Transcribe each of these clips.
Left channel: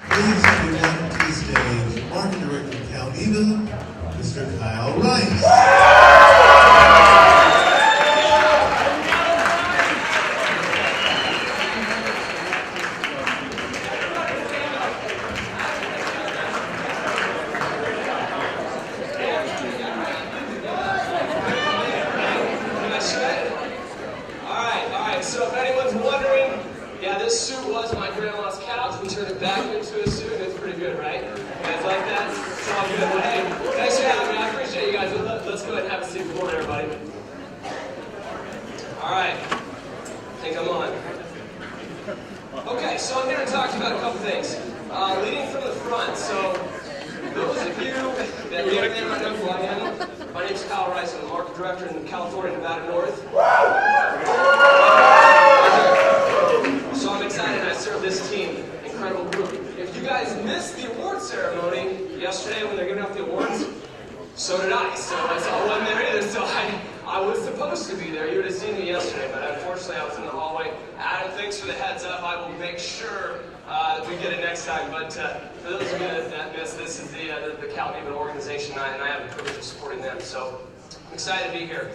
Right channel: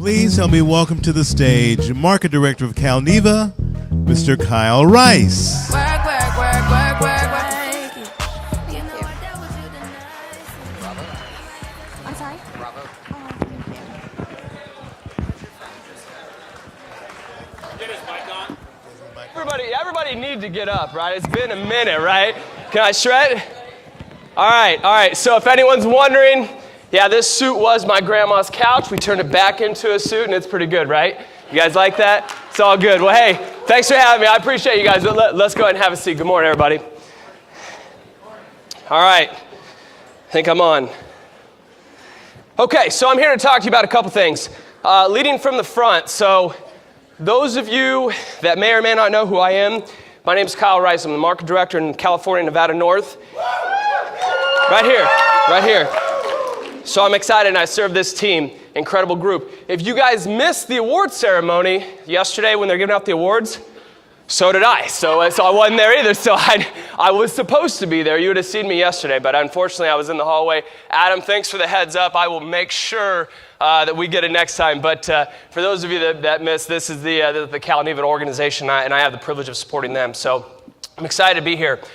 Please help me welcome to the stage Market Director of Calneva, Mr. Kyle Rice. Everybody needs to get up, right? It's been a minute, right? Can I shred? All right. So if anyone's wondering, yeah, this suit was my grandma's couch. We turned it back into a suit, and it's pretty good, right? You guys like that? It's all good. Well, hey, thanks for having me. I appreciate you guys. Let's go ahead and have a seat. Good morning, everybody. All right. I think I'm on. Okay, so I'm here to talk to you about a couple things. Leading from the front, so those of you that may or may not know who I am, my name is Kyle Rice. I'm the market director in California, Nevada North. Right here. So I'm excited, and I serve this team, incredible group. If you guys missed the award ceremony yesterday when they're giving out the awards, so did I. So I wasn't there either, so I was supposed to be there. You would have seen me yesterday, but unfortunately I was in the hallway. Adam, thanks for the heads up. I will make sure that we get it next time. But for those of you that missed, this is the Calneva organization, and I have the privilege of supporting them. So I'm excited to be here.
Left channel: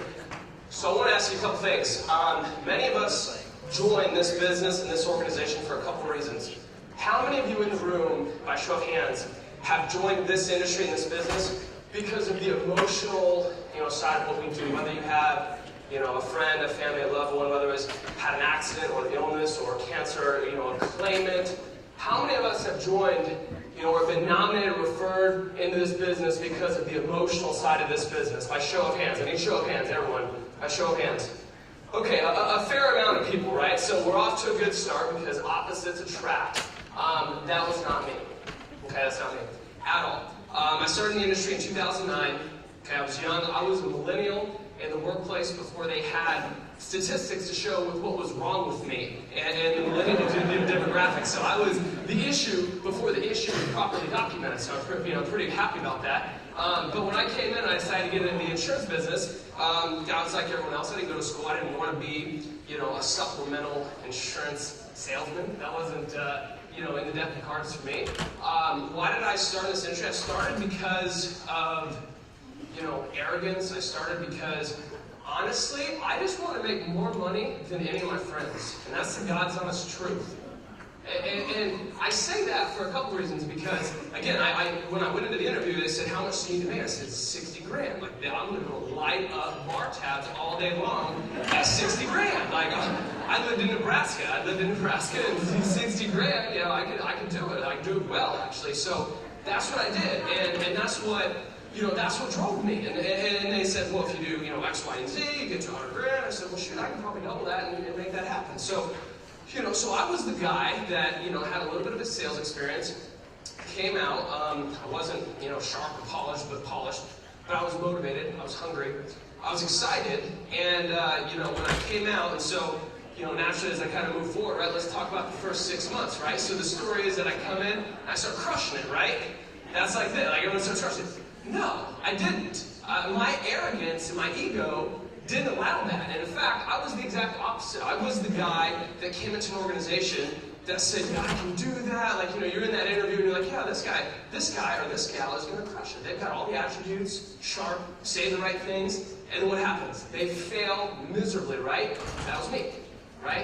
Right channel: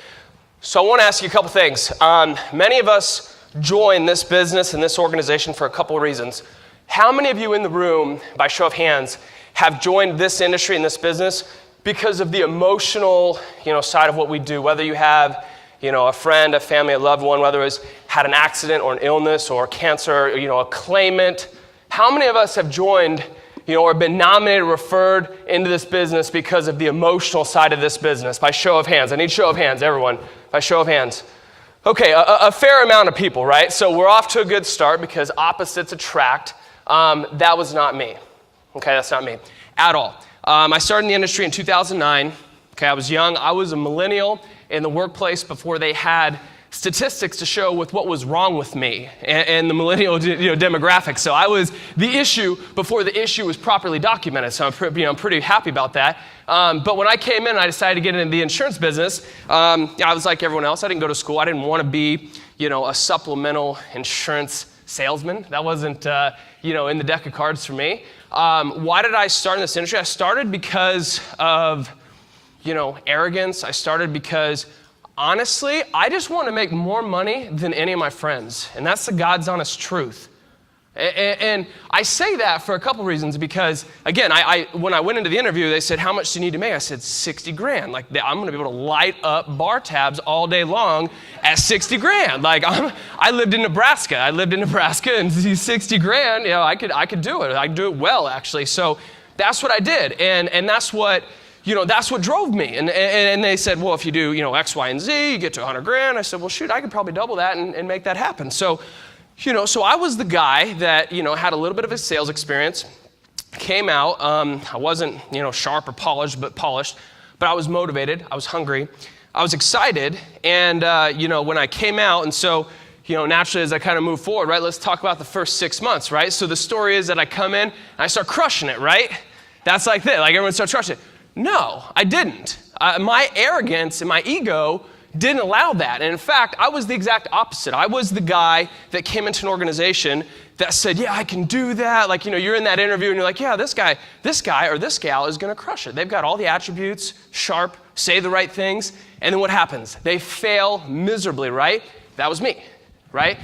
So I want to ask you a couple things. Many of us join this business and this organization for a couple of reasons. How many of you in the room, by show of hands, have joined this industry and this business because of the emotional, side of what we do? Whether you have, a friend, a family, a loved one, whether it's had an accident or an illness or cancer, or, a claimant. How many of us have joined, or been nominated, referred into this business because of the emotional side of this business? By show of hands. I need show of hands, everyone. By show of hands. Okay, a fair amount of people, right? So we're off to a good start because opposites attract. That was not me. Okay, that's not me at all. I started in the industry in 2009. Okay, I was young. I was a millennial in the workplace before they had statistics to show with what was wrong with me and the millennial demographic. So I was the issue before the issue was properly documented. So I'm pretty happy about that. But when I came in and I decided to get into the insurance business, I was like everyone else. I didn't go to school. I didn't want to be, a supplemental insurance salesman. That wasn't, in the deck of cards for me. Why did I start in this industry? I started because of, arrogance. I started because, honestly, I just want to make more money than any of my friends. And that's the God's honest truth. And I say that for a couple reasons because, again, when I went into the interview, they said, how much do you need to make? I said, 60 grand. Like, I'm going to be able to light up bar tabs all day long at 60 grand. Like, I lived in Nebraska. And 60 grand, I could do it. I could do it well, actually. So that's what I did. And that's what, that's what drove me. And they said, well, if you do, X, Y, and Z, you get to 100 grand. I said, well, shoot, I could probably double that and make that happen. So I was the guy that, had a little bit of a sales experience, came out, I wasn't, sharp or polished, but I was motivated, I was hungry, I was excited, and, when I came out, and so, naturally as I kind of move forward, right, let's talk about the first 6 months, right? So the story is that I come in, and I start crushing it, right? That's like this, like everyone starts crushing it. No, I didn't. My arrogance and my ego didn't allow that. And in fact, I was the exact opposite. I was the guy that came into an organization that said, yeah, I can do that. Like, you're in that interview and you're like, yeah, this guy or this gal is going to crush it. They've got all the attributes, sharp, say the right things. And then what happens? They fail miserably, right? That was me, right?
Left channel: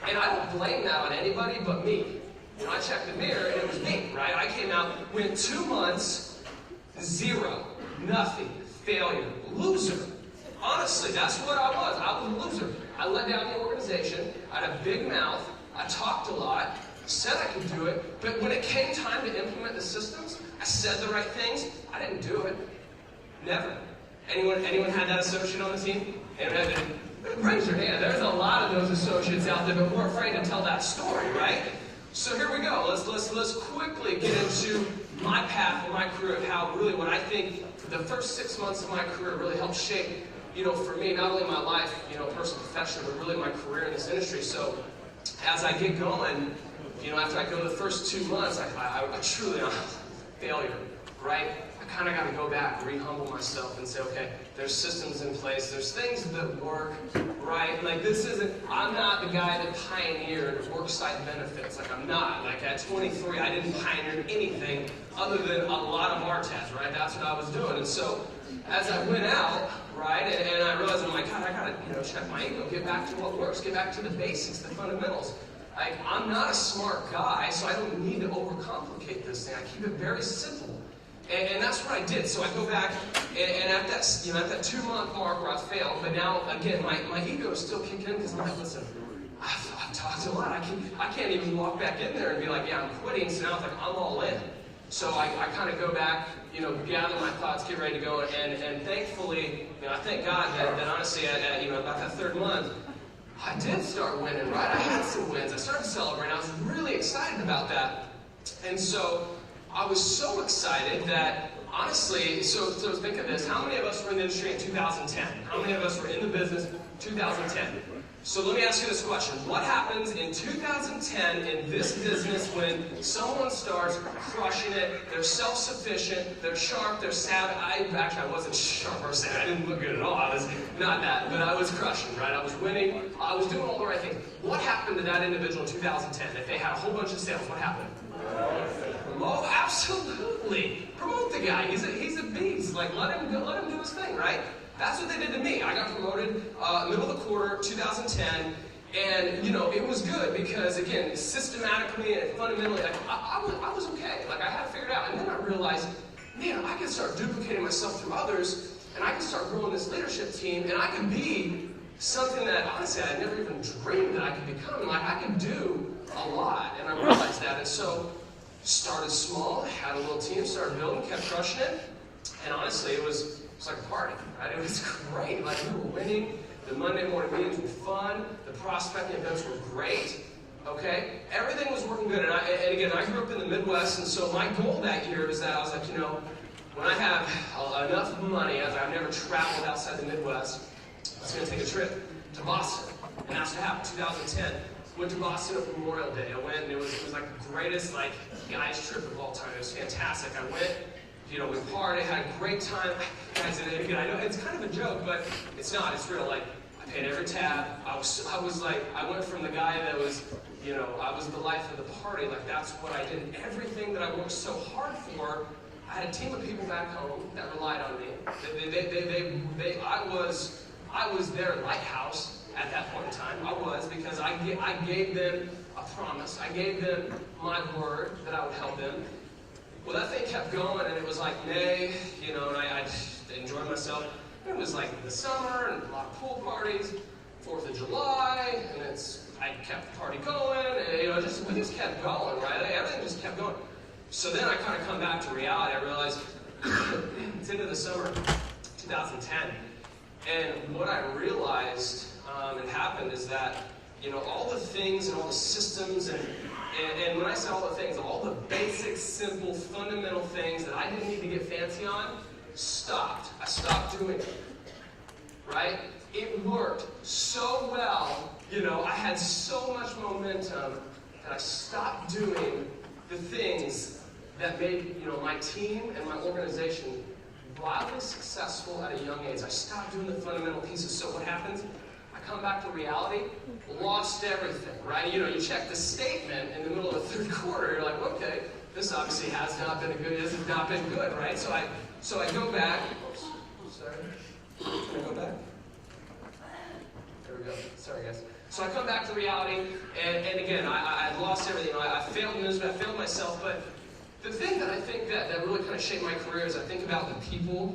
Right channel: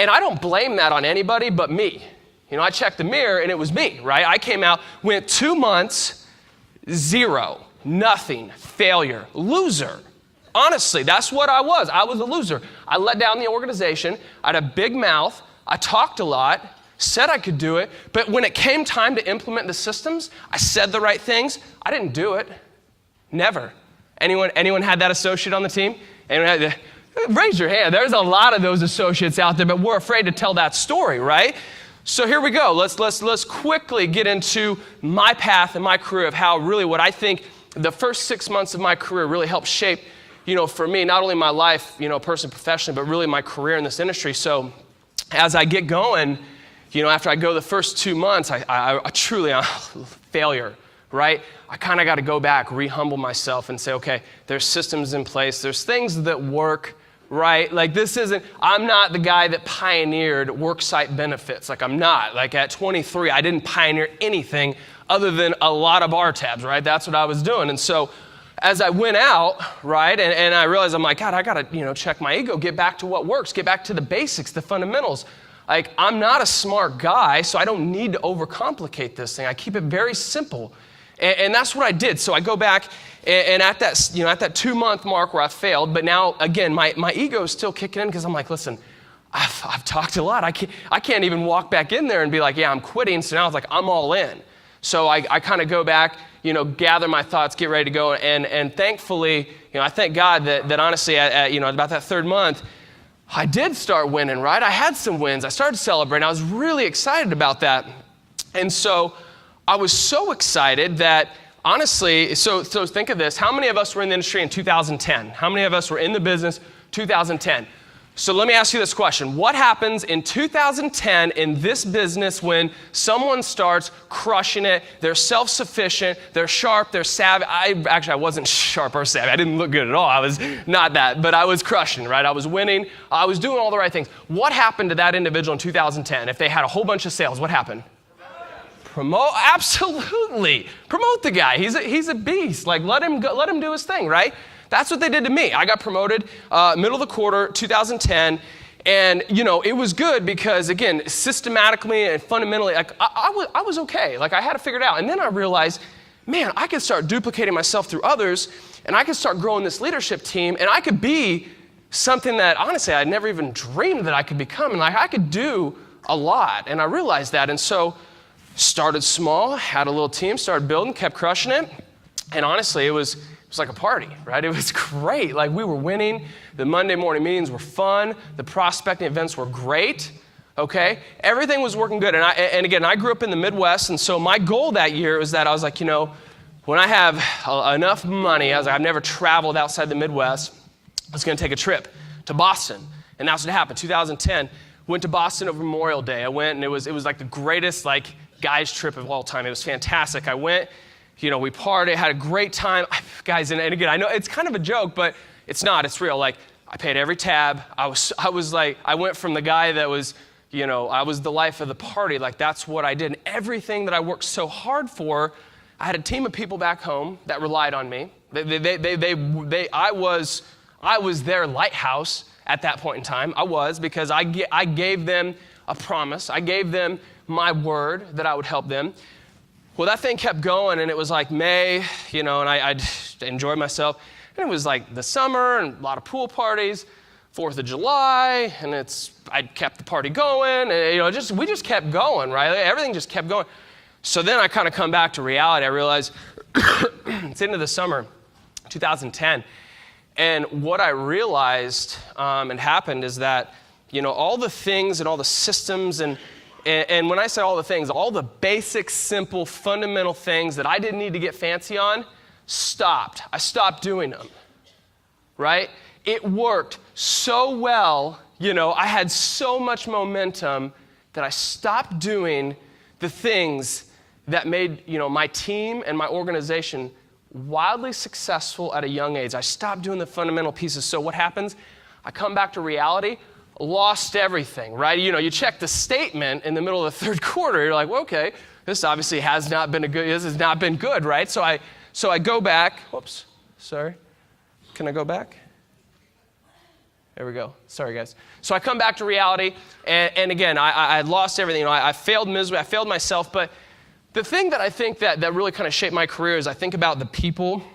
And I don't blame that on anybody but me. I checked the mirror and it was me, right? I came out, went 2 months, 0, nothing, failure, loser. Honestly, that's what I was. I was a loser. I let down the organization. I had a big mouth. I talked a lot, said I could do it, but when it came time to implement the systems, I said the right things. I didn't do it. Never. Anyone had that associate on the team? Raise your hand. There's a lot of those associates out there, but we're afraid to tell that story, right? So here we go. Let's quickly get into my path and my career of how really what I think the first 6 months of my career really helped shape for me, not only my life, personally, professionally, but really my career in this industry. So as I get going, after I go the first 2 months, I truly, failure, right? I kind of got to go back, re-humble myself and say, okay, there's systems in place. There's things that work. right? Like I'm not the guy that pioneered worksite benefits. Like I'm not. Like at 23, I didn't pioneer anything other than a lot of bar tabs, right? That's what I was doing. And so as I went out, right, and I realized, I'm like, God, I gotta, check my ego, get back to what works, get back to the basics, the fundamentals. Like, I'm not a smart guy, so I don't need to overcomplicate this thing. I keep it very simple. And that's what I did. So I go back, and at that 2-month mark where I failed, but now, again, my ego is still kicking in because I'm like, listen, I've talked a lot. I can't even walk back in there and be like, yeah, I'm quitting. So now it's like, I'm all in. So I kind of go back, gather my thoughts, get ready to go. And thankfully, I thank God that honestly, at about that 3rd month, I did start winning, right? I had some wins. I started celebrating. I was really excited about that. And so I was so excited that honestly, so think of this. How many of us were in the industry in 2010? How many of us were in the business 2010? So let me ask you this question. What happens in 2010 in this business when someone starts crushing it, they're self-sufficient, they're sharp, they're savvy? I wasn't sharp or savvy. I didn't look good at all. I was not that, but I was crushing, right? I was winning. I was doing all the right things. What happened to that individual in 2010? If they had a whole bunch of sales, what happened? Promote, absolutely. Promote the guy. He's a beast. Like let him do his thing, right? That's what they did to me. I got promoted middle of the quarter, 2010, and it was good because again, systematically and fundamentally, like I was okay. Like I had to figure it out, and then I realized, man, I could start duplicating myself through others, and I could start growing this leadership team, and I could be something that honestly I never even dreamed that I could become, and like I could do a lot, and I realized that, and so started small, had a little team, started building, kept crushing it, and honestly, it was like a party, right? It was great. Like we were winning. The Monday morning meetings were fun. The prospecting events were great. Okay, everything was working good. And again, I grew up in the Midwest, and so my goal that year was that I was like, when I have enough money, I was like, I've never traveled outside the Midwest. I was going to take a trip to Boston, and that's what happened. 2010, went to Boston over Memorial Day. I went, and it was like the greatest guys trip of all time. It was fantastic. I went. We partied, had a great time. Guys, and again, I know it's kind of a joke, but it's not, it's real. Like, I paid every tab. I went from the guy that was, I was the life of the party. Like, that's what I did. And everything that I worked so hard for, I had a team of people back home that relied on me. I was their lighthouse at that point in time. I was, because I gave them a promise. I gave them my word that I would help them. Well, that thing kept going, and it was like May, and I enjoyed myself. And it was like the summer, and a lot of pool parties, 4th of July, and I kept the party going, and we just kept going, right? Everything just kept going. So then I kind of come back to reality. I realized it's into the summer, 2010, and what I realized and happened is that, all the things and all the systems and when I say all the things, all the basic, simple, fundamental things that I didn't need to get fancy on, stopped. I stopped doing them, right? It worked so well, I had so much momentum that I stopped doing the things that made, my team and my organization wildly successful at a young age. I stopped doing the fundamental pieces. So what happens? I come back to reality. Lost everything, right? You check the statement in the middle of the 3rd quarter, you're like, well, okay, this obviously has not been good, right? So I go back, whoops, sorry, can I go back? There we go, sorry guys. So I come back to reality, and again, I had lost everything, I failed miserably, I failed myself, but the thing that I think that really kind of shaped my career is I think about the people,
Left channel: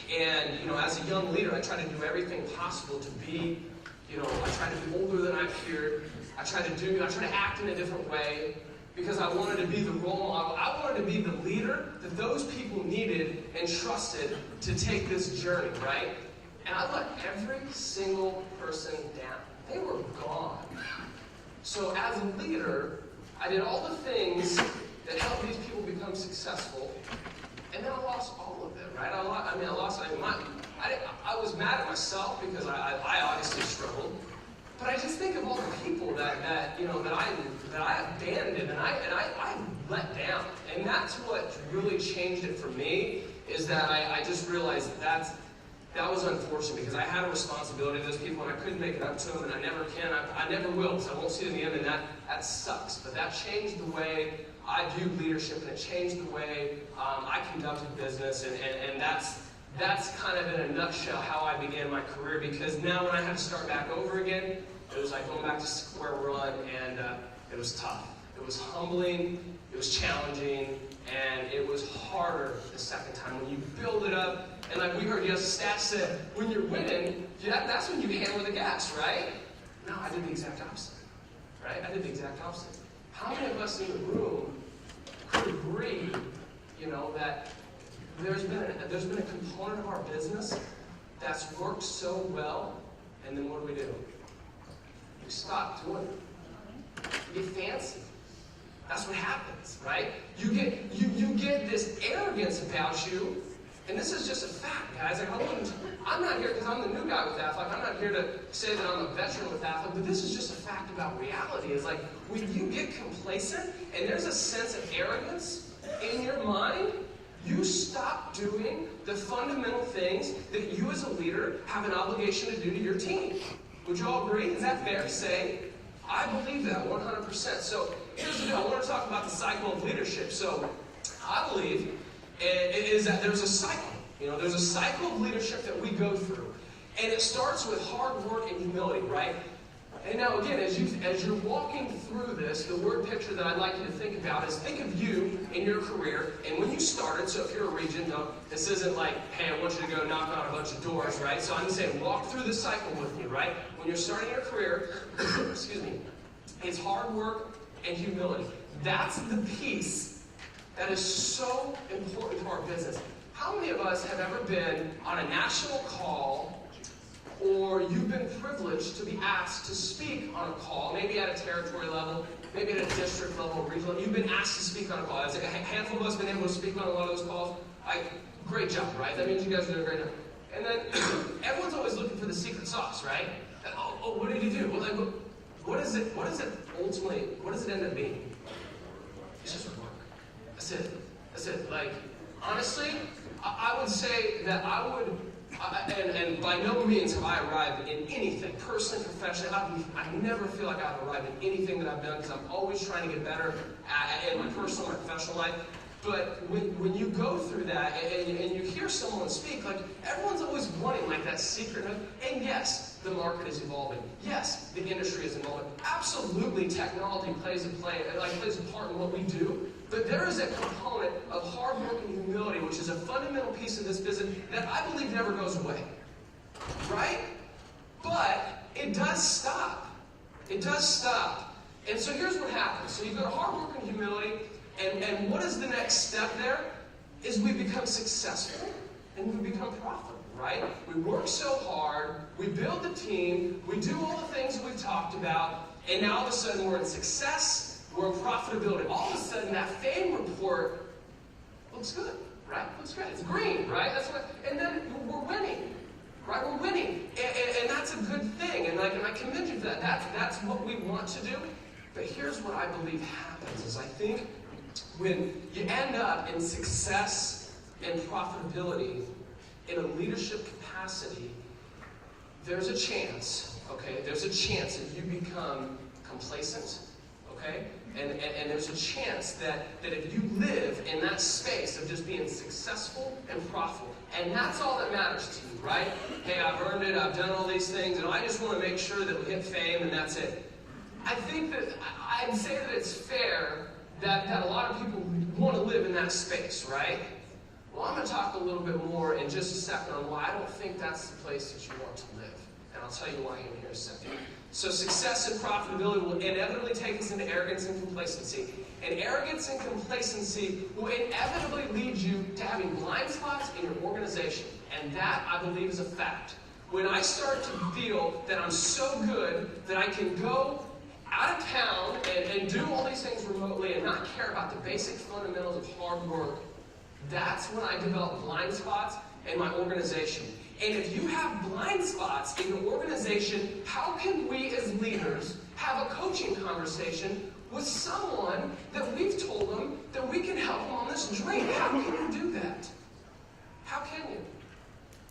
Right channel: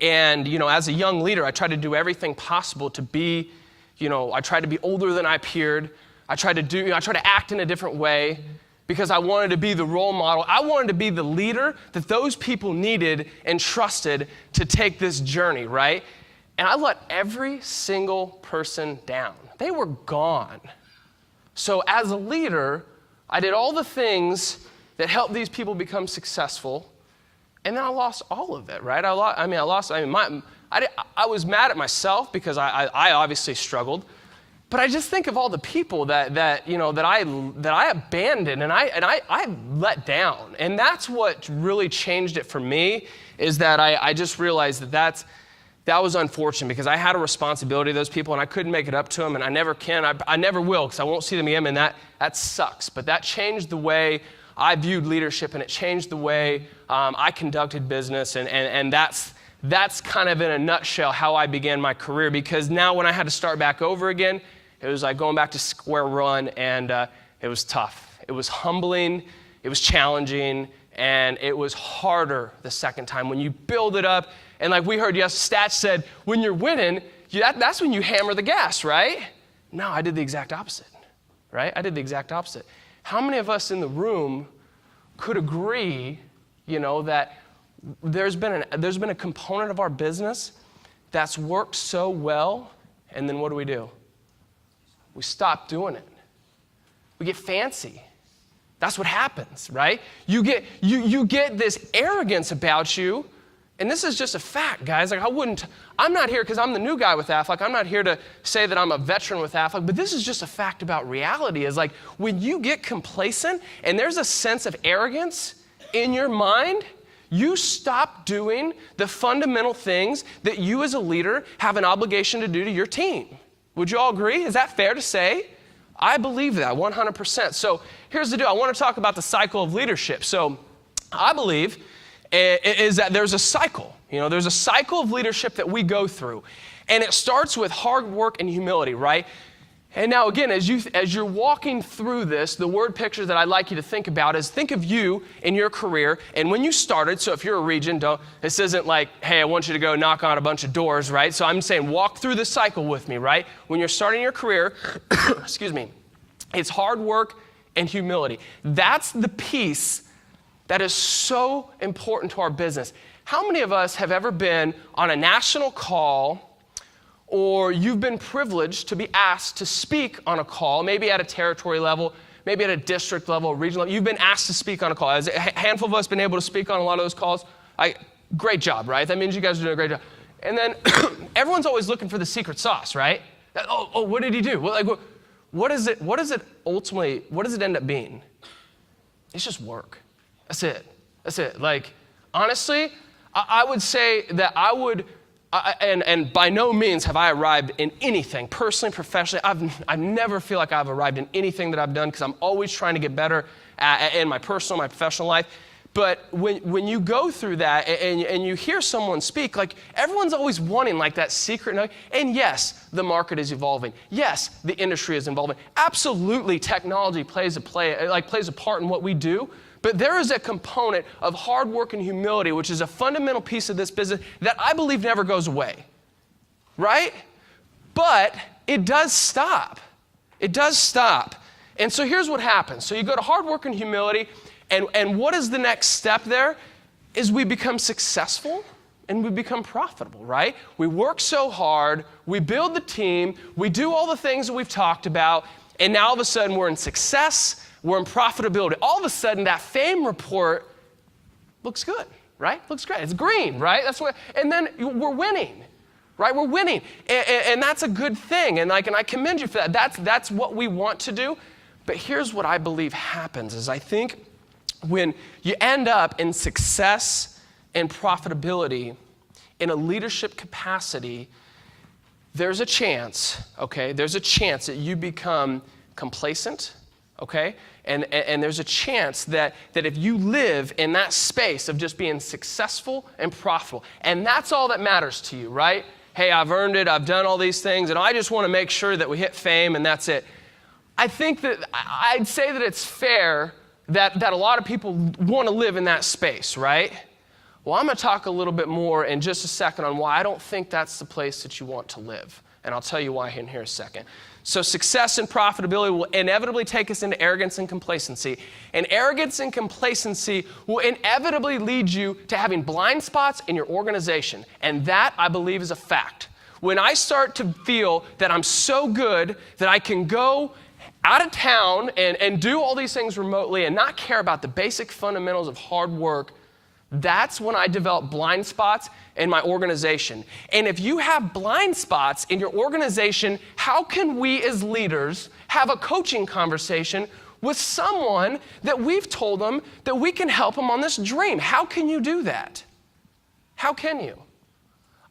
and as a young leader, I tried to do everything possible to be I tried to be older than I appeared. I tried to act in a different way because I wanted to be the role model. I wanted to be the leader that those people needed and trusted to take this journey, right? And I let every single person down. They were gone. So as a leader, I did all the things that helped these people become successful, and then I lost all of it, right? I was mad at myself because I obviously struggled, but I just think of all the people that I abandoned and I let down, and that's what really changed it for me. Is that I just realized that was unfortunate because I had a responsibility to those people and I couldn't make it up to them, and I never can. I never will because I won't see them again, and that sucks. But that changed the way I viewed leadership, and it changed the way I conducted business, and that's kind of in a nutshell how I began my career, because now when I had to start back over again, it was like going back to square one, and it was tough. It was humbling, it was challenging, and it was harder the second time. When you build it up, and like we heard stats said, when you're winning, that's when you hammer the gas, right? No, I did the exact opposite, right? I did the exact opposite. How many of us in the room could agree, that there's been a component of our business that's worked so well, and then what do? We stop doing it. We get fancy. That's what happens, right? You get this arrogance about you, and this is just a fact, guys. Like I'm not here because I'm the new guy with Aflac. I'm not here to say that I'm a veteran with Aflac, but this is just a fact about reality. Is like when you get complacent and there's a sense of arrogance in your mind, you stop doing the fundamental things that you as a leader have an obligation to do to your team. Would you all agree? Is that fair to say? I believe that 100%. So here's the deal. I want to talk about the cycle of leadership. So I believe is that there's a cycle. There's a cycle of leadership that we go through. And it starts with hard work and humility, right? And now again, as you're walking through this, the word picture that I'd like you to think about is think of you in your career, and when you started, so if you're a region, this isn't like, hey, I want you to go knock on a bunch of doors, right? So I'm saying walk through the cycle with me, right? When you're starting your career, excuse me, it's hard work and humility. That's the piece that is so important to our business. How many of us have ever been on a national call, or you've been privileged to be asked to speak on a call, maybe at a territory level, maybe at a district level, regional level. You've been asked to speak on a call. Has a handful of us been able to speak on a lot of those calls? Great job, right? That means you guys are doing a great job. And then everyone's always looking for the secret sauce, right? Oh, what did he do? Well, what does it end up being? It's just work. That's it. Like, honestly, I would say that and by no means have I arrived in anything, personally, professionally. I never feel like I've arrived in anything that I've done because I'm always trying to get better in my personal, my professional life. But when you go through that and you hear someone speak, like everyone's always wanting like that secret nugget. And yes, the market is evolving. Yes, the industry is evolving. Absolutely, technology plays a part in what we do. But there is a component of hard work and humility, which is a fundamental piece of this business that I believe never goes away, right? But it does stop. It does stop. And so here's what happens. So you go to hard work and humility, and what is the next step there? Is we become successful and we become profitable, right? We work so hard, we build the team, we do all the things that we've talked about, and now all of a sudden we're in success, we're in profitability. All of a sudden, that fame report looks good, right? Looks great. It's green, right? And then we're winning, right? We're winning, and that's a good thing. And I commend you for that. That's what we want to do. But here's what I believe happens: is I think when you end up in success and profitability in a leadership capacity, there's a chance, okay? There's a chance that you become complacent, okay? And there's a chance that if you live in that space of just being successful and profitable, and that's all that matters to you, right? Hey, I've earned it, I've done all these things, and I just want to make sure that we hit fame and that's it. I think that I'd say that it's fair that a lot of people want to live in that space, right? Well, I'm going to talk a little bit more in just a second on why I don't think that's the place that you want to live. And I'll tell you why in here in a second. So success and profitability will inevitably take us into arrogance and complacency. And arrogance and complacency will inevitably lead you to having blind spots in your organization. And that, I believe, is a fact. When I start to feel that I'm so good that I can go out of town and do all these things remotely and not care about the basic fundamentals of hard work, that's when I develop blind spots in my organization. And if you have blind spots in your organization, how can we as leaders have a coaching conversation with someone that we've told them that we can help them on this dream? How can you do that? How can you?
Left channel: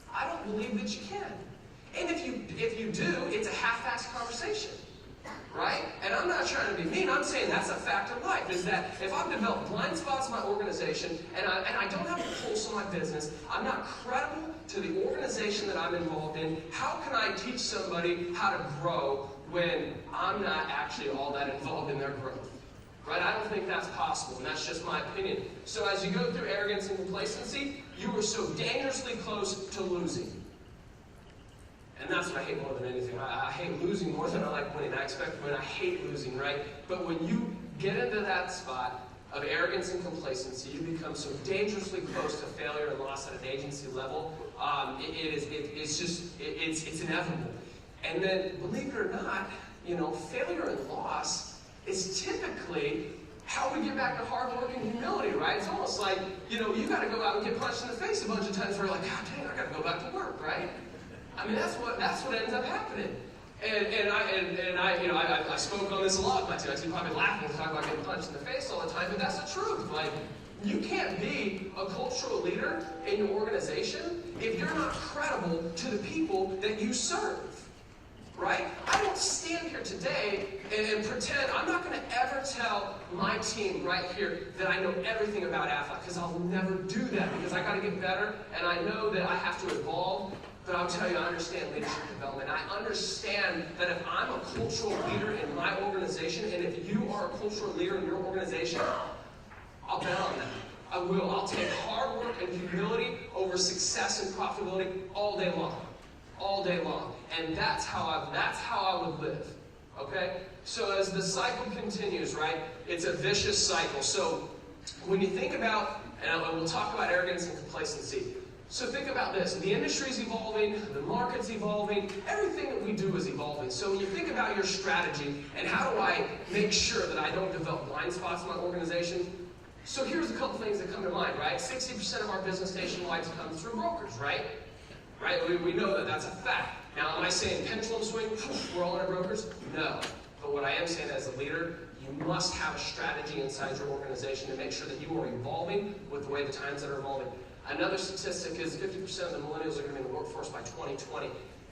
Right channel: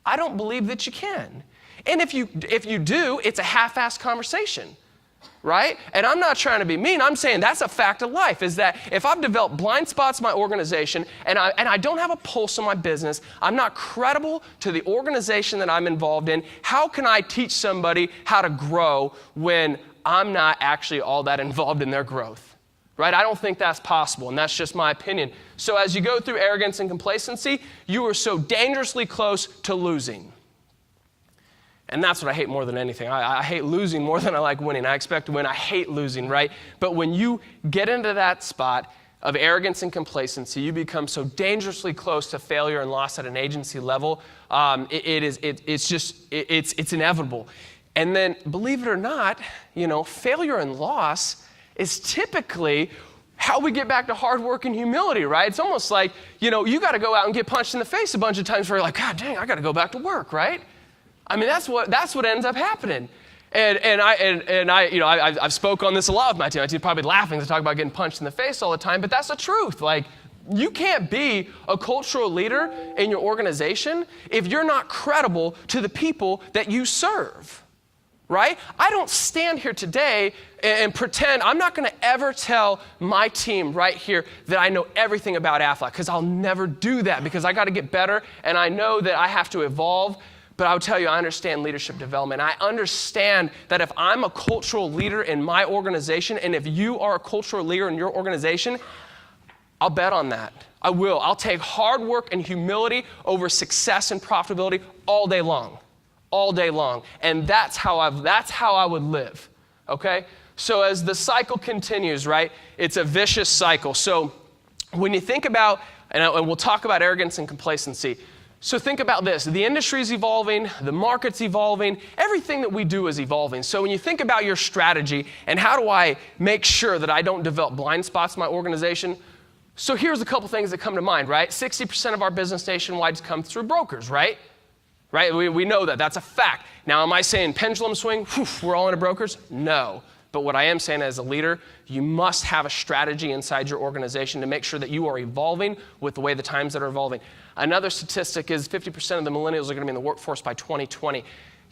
I don't believe that you can. And if you do, it's a half-assed conversation, right? And I'm not trying to be mean. I'm saying that's a fact of life, is that if I've developed blind spots in my organization and I don't have a pulse on my business, I'm not credible to the organization that I'm involved in, how can I teach somebody how to grow when I'm not actually all that involved in their growth? Right? I don't think that's possible, and that's just my opinion. So as you go through arrogance and complacency, you are so dangerously close to losing. And that's what I hate more than anything. I hate losing more than I like winning. I expect to win. I hate losing, right? But when you get into that spot of arrogance and complacency, you become so dangerously close to failure and loss at an agency level. It's inevitable. And then, believe it or not, failure and loss is typically how we get back to hard work and humility, right? It's almost like, you got to go out and get punched in the face a bunch of times where you're like, God dang, I got to go back to work, right? I mean, that's what ends up happening. I've spoke on this a lot with my team. My team's probably laughing to talk about getting punched in the face all the time, but that's the truth. Like, you can't be a cultural leader in your organization if you're not credible to the people that you serve. Right? I don't stand here today and pretend, I'm not going to ever tell my team right here that I know everything about Aflac, because I'll never do that, because I got to get better and I know that I have to evolve. But I'll tell you, I understand leadership development. I understand that if I'm a cultural leader in my organization, and if you are a cultural leader in your organization, I'll bet on that. I will. I'll take hard work and humility over success and profitability all day long. All day long. And that's how I would live, okay? So as the cycle continues, right, it's a vicious cycle. So when you think about, and we'll talk about arrogance and complacency, so think about this. The industry's evolving, the market's evolving, everything that we do is evolving. So when you think about your strategy and how do I make sure that I don't develop blind spots in my organization, so here's a couple things that come to mind, right? 60% of our business nationwide comes through brokers, right? Right? We know that. That's a fact. Now, am I saying pendulum swing? We're all into brokers? No. But what I am saying as a leader, you must have a strategy inside your organization to make sure that you are evolving with the way the times that are evolving. Another statistic is 50% of the millennials are going to be in the workforce by 2020.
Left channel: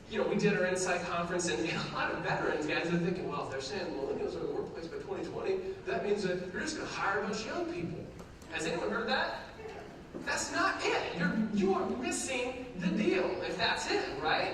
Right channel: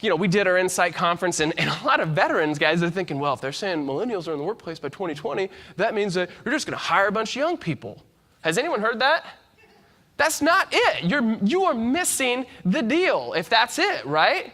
We did our Insight conference, and a lot of veterans, guys, are thinking, well, if they're saying millennials are in the workplace by 2020, that means that you're just going to hire a bunch of young people. Has anyone heard that? That's not it. You are missing the deal if that's it, right?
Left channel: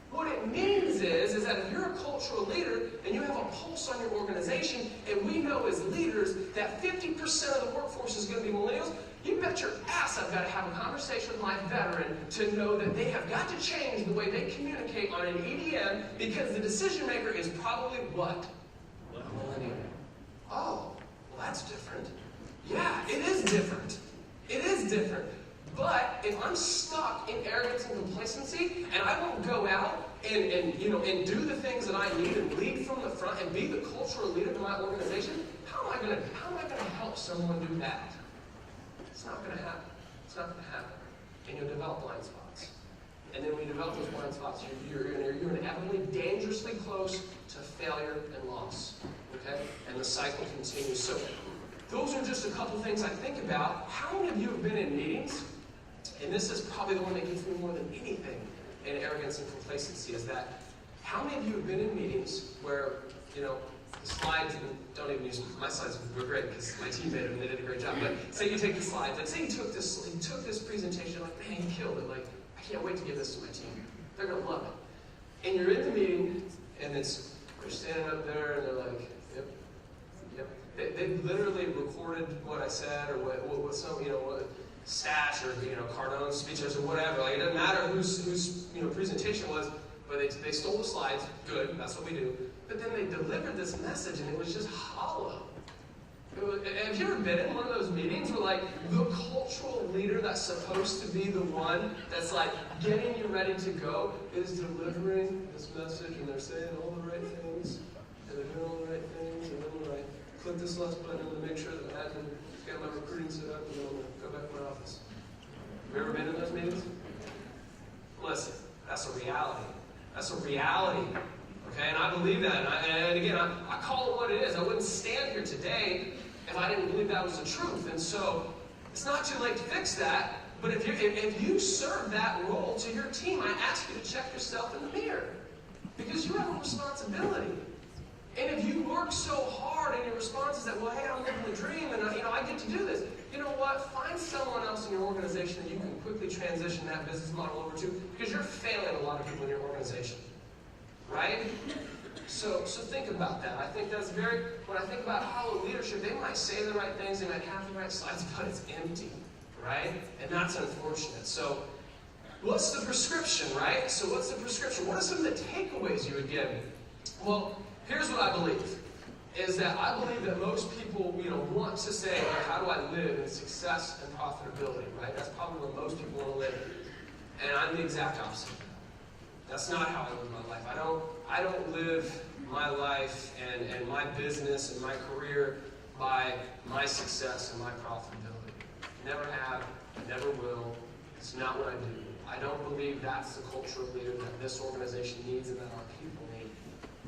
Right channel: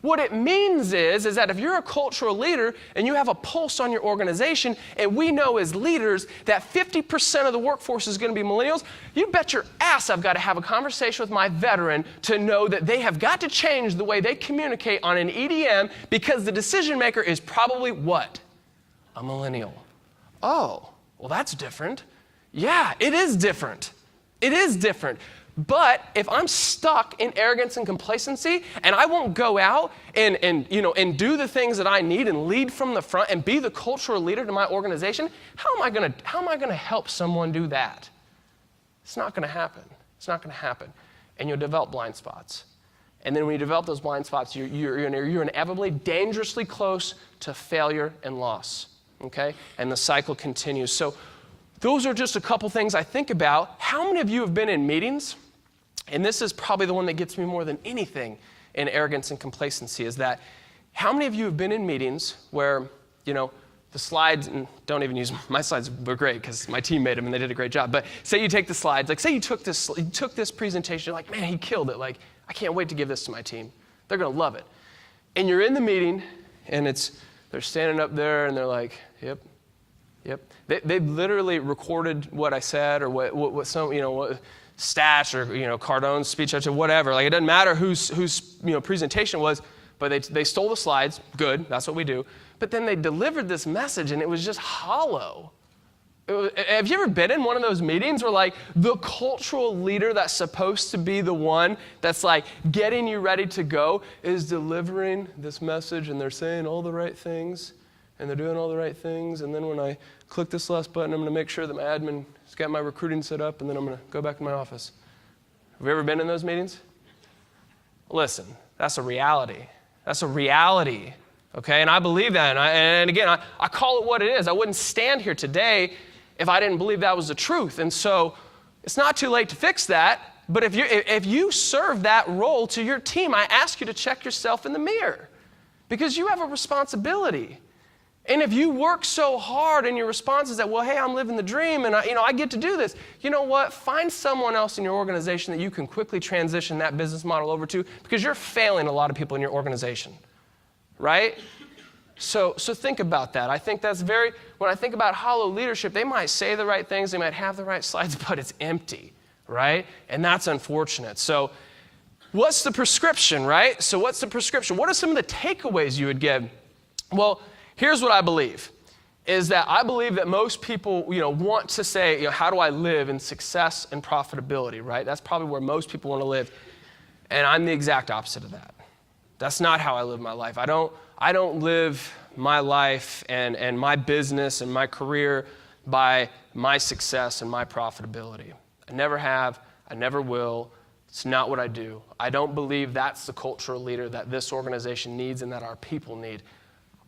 What it means is that if you're a cultural leader and you have a pulse on your organization, and we know as leaders that 50% of the workforce is going to be millennials, you bet your ass I've got to have a conversation with my veteran to know that they have got to change the way they communicate on an EDM, because the decision maker is probably what? A millennial. Oh, well, that's different. Yeah, it is different. It is different. But if I'm stuck in arrogance and complacency, and I won't go out and do the things that I need and lead from the front and be the cultural leader to my organization, how am I going to help someone do that? It's not going to happen. It's not going to happen. And you'll develop blind spots. And then when you develop those blind spots, you're inevitably dangerously close to failure and loss. Okay? And the cycle continues. So those are just a couple things I think about. How many of you have been in meetings? And this is probably the one that gets me more than anything in arrogance and complacency, is that how many of you have been in meetings where, the slides, and don't even use, my slides were great because my team made them and they did a great job, but say you take the slides, like say you took this presentation, you're like, man, he killed it. Like, I can't wait to give this to my team. They're going to love it. And you're in the meeting, and they're standing up there, and they're like, yep. They literally recorded what I said, or what some, Stash or, Cardone's speech, or whatever. Like, it doesn't matter whose presentation was, but they stole the slides. Good, that's what we do. But then they delivered this message, and it was just hollow. Have you ever been in one of those meetings where, like, the cultural leader that's supposed to be the one that's, like, getting you ready to go is delivering this message, and they're saying all the right things, and they're doing all the right things, and then when I click this last button, I'm going to make sure that my admin has got my recruiting set up, and then I'm going to go back to my office. Have you ever been in those meetings? Listen, that's a reality. That's a reality, okay? And I believe that. And again, I call it what it is. I wouldn't stand here today if I didn't believe that was the truth. And so It's not too late to fix that, but if you serve that role to your team, I ask you to check yourself in the mirror because you have a responsibility. And if you work so hard and your response is that, well, hey, I'm living the dream and I get to do this, you know what? Find someone else in your organization that you can quickly transition that business model over to because you're failing a lot of people in your organization, right? So think about that. I think that's when I think about hollow leadership, they might say the right things, they might have the right slides, but it's empty, right? And that's unfortunate. So what's the prescription, right? So what's the prescription? What are some of the takeaways you would get? Well, here's what I believe, is that I believe that most people, want to say, how do I live in success and profitability, right? That's probably where most people want to live. And I'm the exact opposite of that. That's not how I live my life. I don't live my life and my business and my career by my success and my profitability. I never have, I never will. It's not what I do. I don't believe that's the cultural leader that this organization needs and that our people need.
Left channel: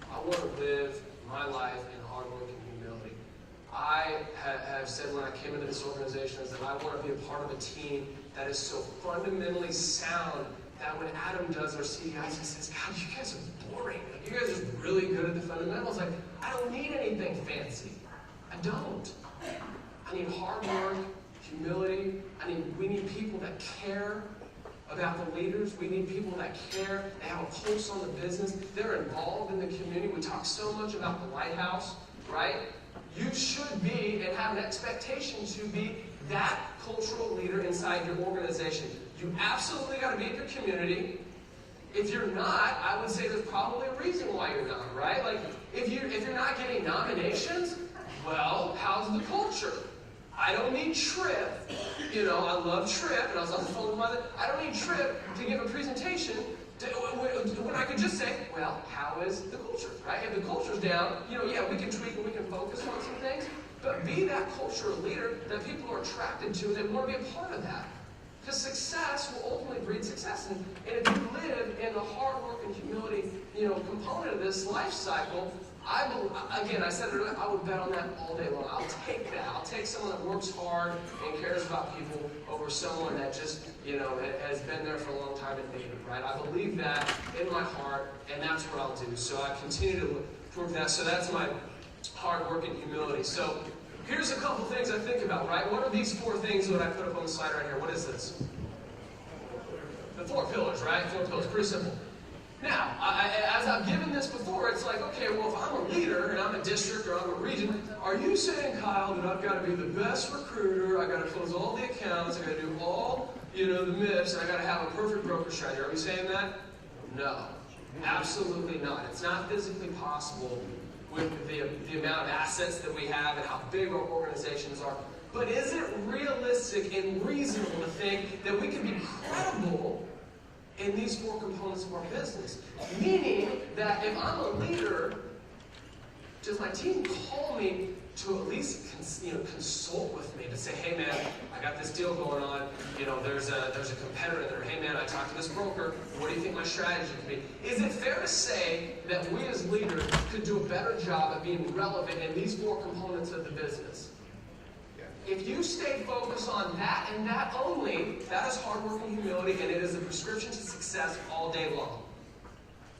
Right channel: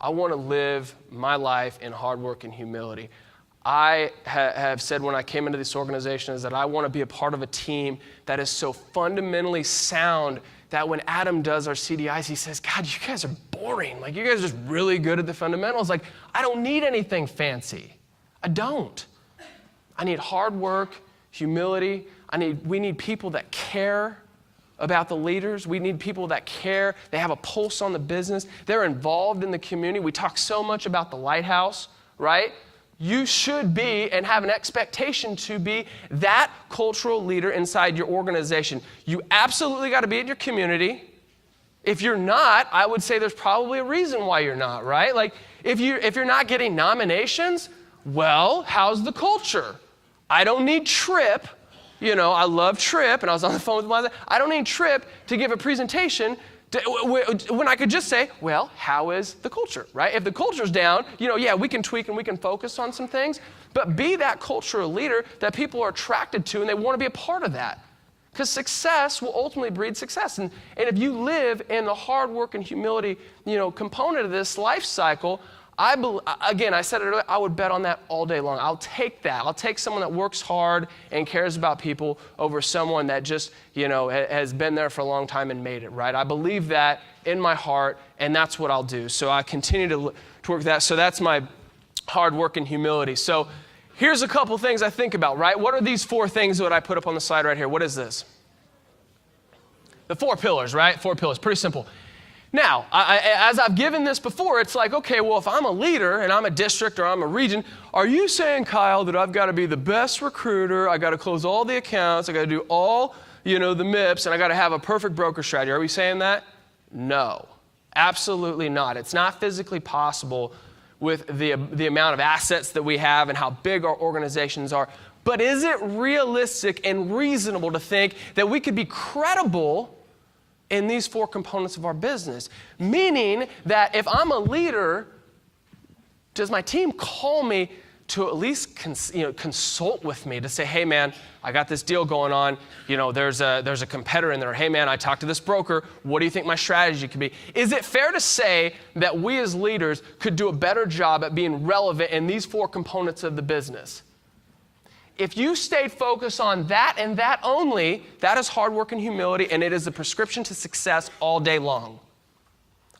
I want to live my life in hard work and humility. I have said when I came into this organization is that I want to be a part of a team that is so fundamentally sound that when Adam does our CDIs, he says, God, you guys are boring. Like, you guys are just really good at the fundamentals. Like, I don't need anything fancy. I don't. I need hard work, humility. We need people that care about the leaders. We need people that care. They have a pulse on the business. They're involved in the community. We talk so much about the lighthouse, right? You should be and have an expectation to be that cultural leader inside your organization. You absolutely got to be in your community. If you're not, I would say there's probably a reason why you're not, right? Like, if you're not getting nominations, well, how's the culture? I don't need Tripp. I love Tripp, and I was on the phone with my. I don't need Tripp to give a presentation when I could just say, well, how is the culture, right? If the culture's down, we can tweak and we can focus on some things, but be that cultural leader that people are attracted to and they want to be a part of that. Because success will ultimately breed success. And if you live in the hard work and humility, component of this life cycle, I said it earlier, I would bet on that all day long. I'll take that. I'll take someone that works hard and cares about people over someone that just, has been there for a long time and made it, right? I believe that in my heart, and that's what I'll do. So I continue to work that. So that's my hard work and humility. So here's a couple things I think about, right? What are these 4 things that I put up on the slide right here? What is this? The 4 pillars, right? 4 pillars. Pretty simple. Now, as I've given this before, it's like, okay, well, if I'm a leader and I'm a district or I'm a region, are you saying, Kyle, that I've got to be the best recruiter, I got to close all the accounts, I got to do all, the MIPS, and I got to have a perfect broker strategy? Are we saying that? No, absolutely not. It's not physically possible with the amount of assets that we have and how big our organizations are. But is it realistic and reasonable to think that we could be credible in these 4 components of our business? Meaning that if I'm a leader, does my team call me to at least consult with me to say, hey man, I got this deal going on, there's a competitor in there. Hey man, I talked to this broker, what do you think my strategy could be? Is it fair to say that we as leaders could do a better job at being relevant in these 4 components of the business? If you stay focused on that and that only, that is hard work and humility, and it is a prescription to success all day long.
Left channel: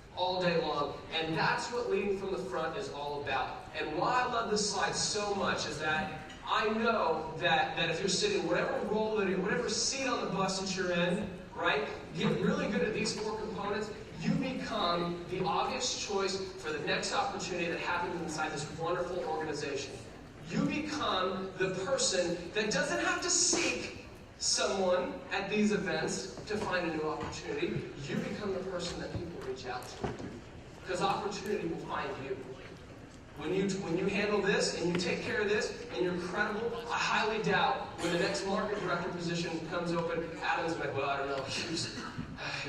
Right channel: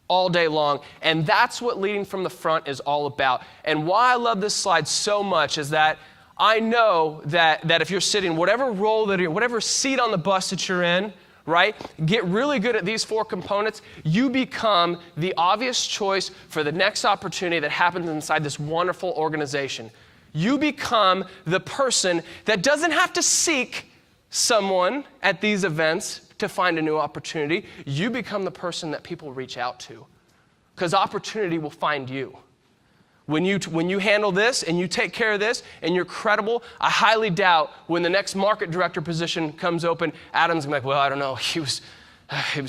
All day long. And that's what leading from the front is all about. And why I love this slide so much is that I know that if you're sitting, whatever role that you're in, whatever seat on the bus that you're in, right, get really good at these 4 components, you become the obvious choice for the next opportunity that happens inside this wonderful organization. You become the person that doesn't have to seek someone at these events to find a new opportunity. You become the person that people reach out to, because opportunity will find you. When you handle this and you take care of this and you're credible, I highly doubt when the next market director position comes open, Adam's like, well, I don't know, he was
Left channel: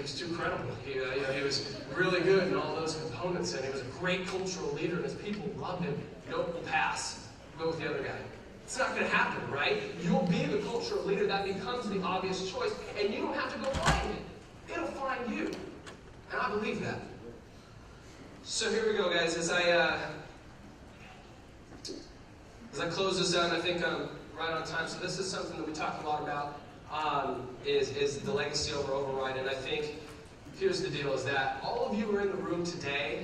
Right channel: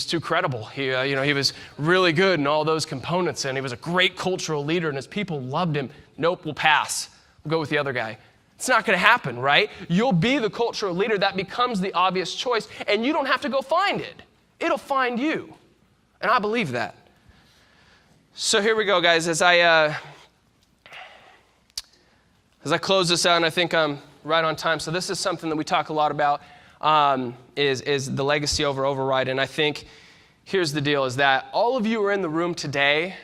too credible. He was really good in all those components, and he was a great cultural leader, and his people loved him. Nope, we'll pass. Go with the other guy. It's not going to happen, right? You'll be the cultural leader that becomes the obvious choice, and you don't have to go find it. It'll find you. And I believe that. So here we go, guys. As as I close this out, and I think I'm right on time, so this is something that we talk a lot about, is the legacy over override. And I think here's the deal, is that all of you are in the room today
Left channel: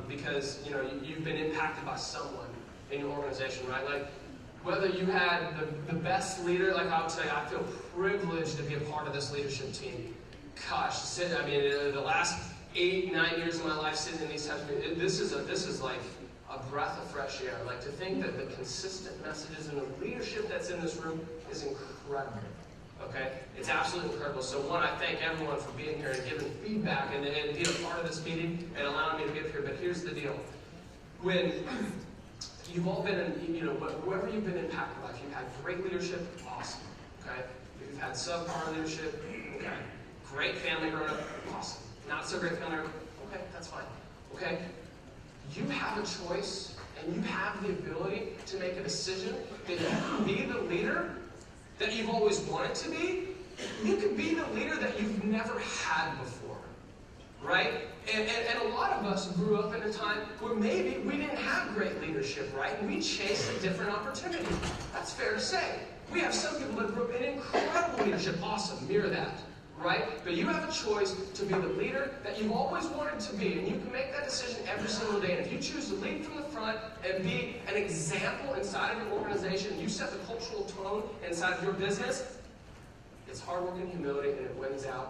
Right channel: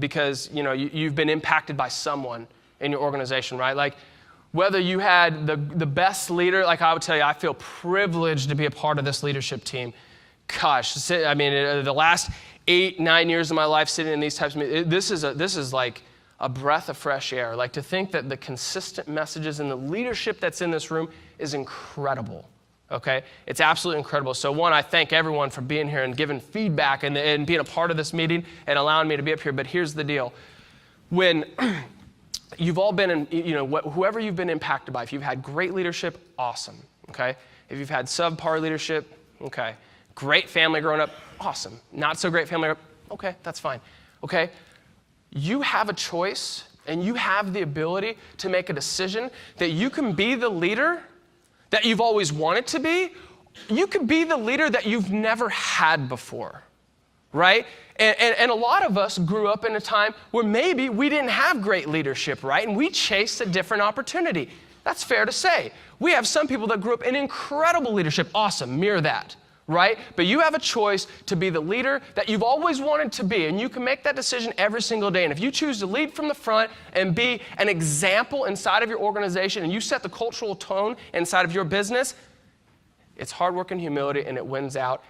because you've been impacted by someone in your organization, right? Like whether you had the best leader, like I would tell you, I feel privileged to be a part of this leadership team. Gosh, I mean, the last 8-9 years of my life sitting in these types of meetings, this is like a breath of fresh air. Like to think that the consistent messages and the leadership that's in this room is incredible, okay? It's absolutely incredible. So one, I thank everyone for being here and giving feedback and being a part of this meeting and allowing me to be up here. But here's the deal. When you've all been whoever you've been impacted by, if you've had great leadership, awesome, okay? If you've had subpar leadership, okay. Great family growing up, awesome. Not so great family growing up, okay, that's fine, okay? You have a choice and you have the ability to make a decision that you can be the leader that you've always wanted to be. You can be the leader that you've never had before, right? And a lot of us grew up in a time where maybe we didn't have great leadership, right? And we chased a different opportunity. That's fair to say. We have some people that grew up in incredible leadership. Awesome, mirror that. Right? But you have a choice to be the leader that you've always wanted to be, and you can make that decision every single day. And if you choose to lead from the front and be an example inside of your organization, and you set the cultural tone inside of your business, it's hard work and humility, and it wins out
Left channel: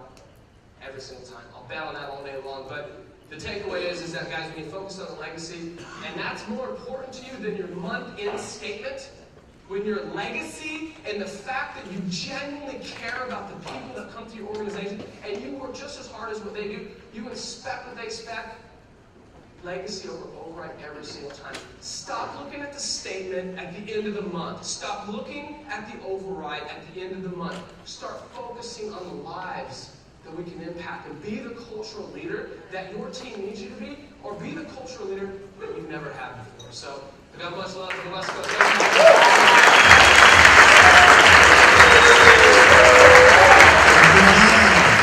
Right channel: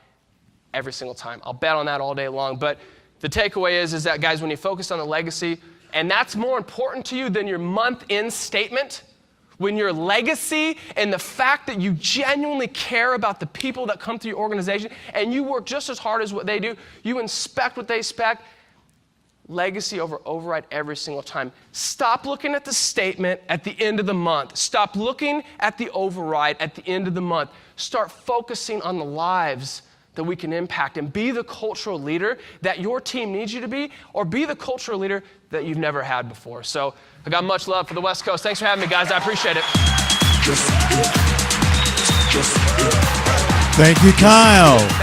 every single time. I'll bet on that all day long. But the takeaway is that, guys, when you focus on the legacy, and that's more important to you than your month-end statement, when your legacy and the fact that you genuinely care about the people that come through your organization and you work just as hard as what they do, you inspect what they expect, legacy over override every single time. Stop looking at the statement at the end of the month. Stop looking at the override at the end of the month. Start focusing on the lives that we can impact and be the cultural leader that your team needs you to be, or be the cultural leader that you've never had before. So I got much love for the West Coast. Thanks for having me, guys. I appreciate it. Thank you, Kyle.